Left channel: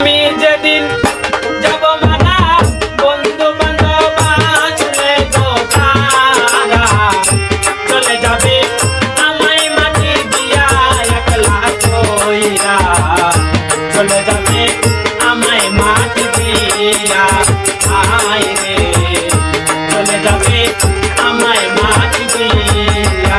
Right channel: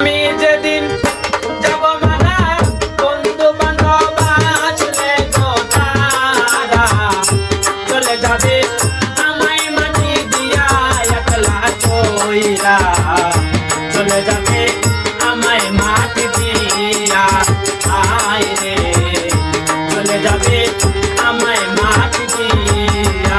আমি যেদিন যাব মানা বন্ধু বান্ধব আসলে গো তারা চলে যাবে আমায় মাটি দিয়া একলা কইরা চলে যাবে আমায় মাটি দিয়া আয় রে চলে যাবে আমায় মাটি দিয়া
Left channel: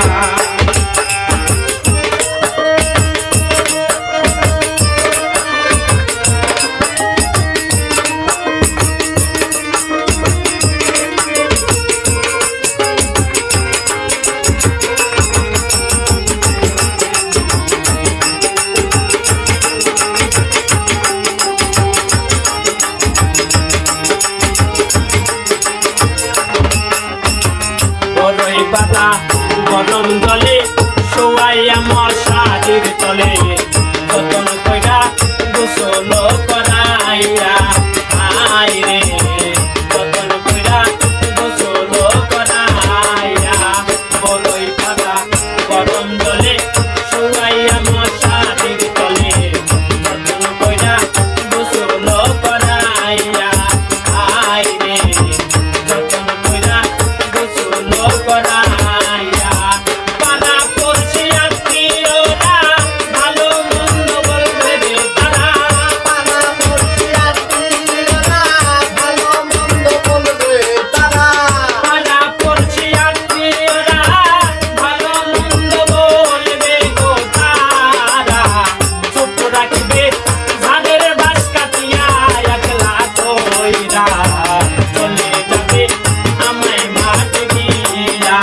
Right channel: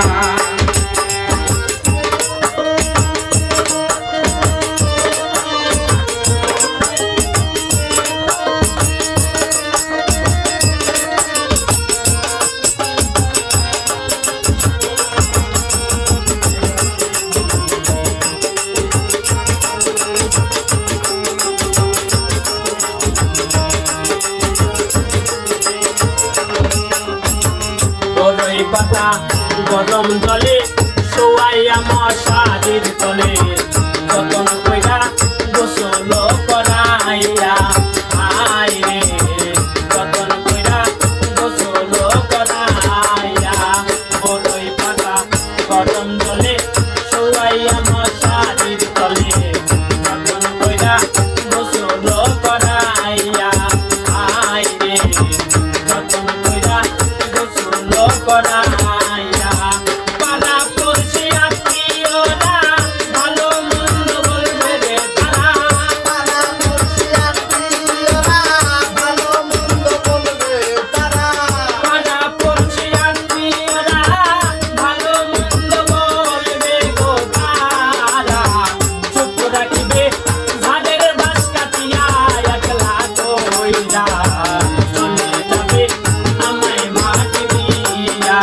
বড়ই পাতা গরম জলে শোয়াইয়া মশারির তলে যতন কইরা গোসল করাইয়া আয় রে যতন কইরা গোসল করাইয়া বড়ই পাতা গরম জলে শোয়াইয়া মশারির তলে যতন কইরা গোসল করাইয়া আয় রে যতন কইরা গোসল করাইয়া পাড়া পড়শি আত্মীয়রা ভালো মন্দ বলবে রে তারা পাড়া পড়শি আত্মীয়রা ভালো মন্দ বলবে তারা পাড়া পড়শি আত্মীয়রা ভালো মন্দ বলবে গো তারা চুপ রাখবে ধানের বাস কাটিয়া একলা কইরা চলে যাবে আমায় মাটি দিয়া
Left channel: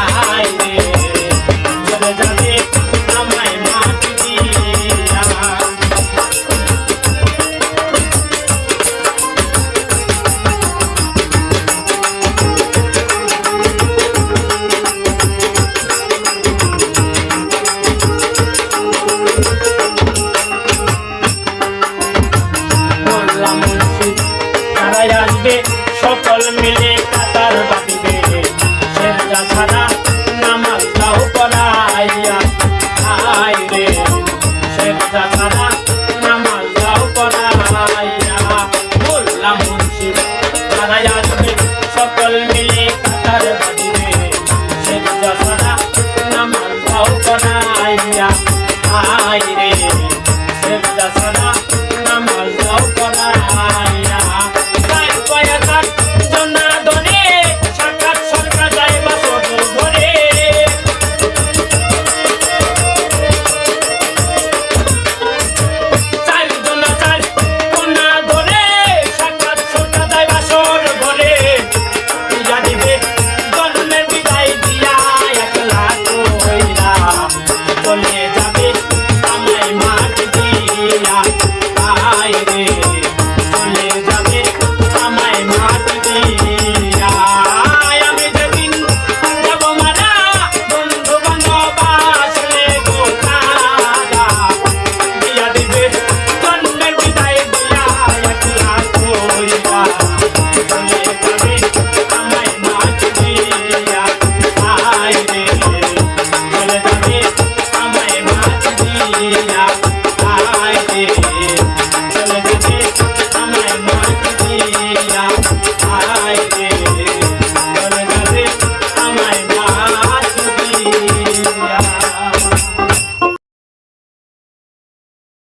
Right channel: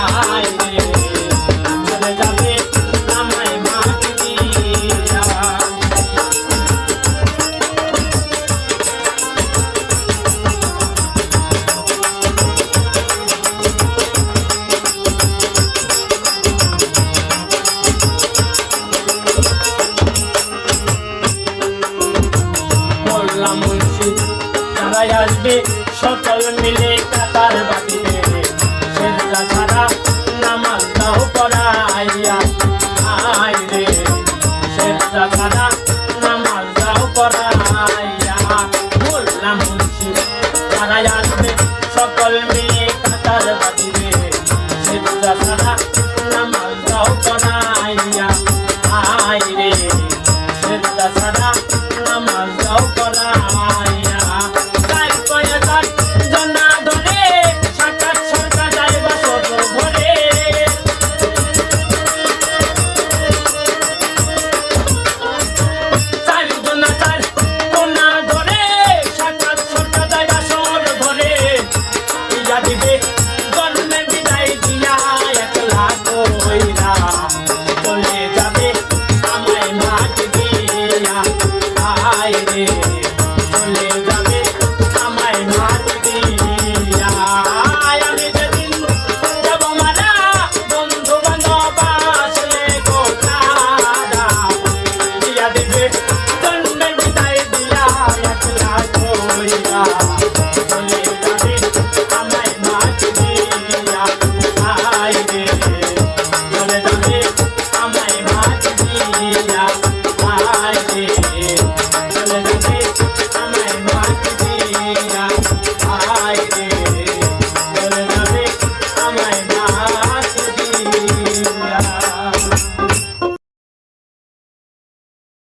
আয় রে চলে যাবে আমায় মাটি দিয়া বললাম মুর্শিদ তারাই আসবে সকল মিলে কাতার বাঁধিবে শেরটা ছাড়া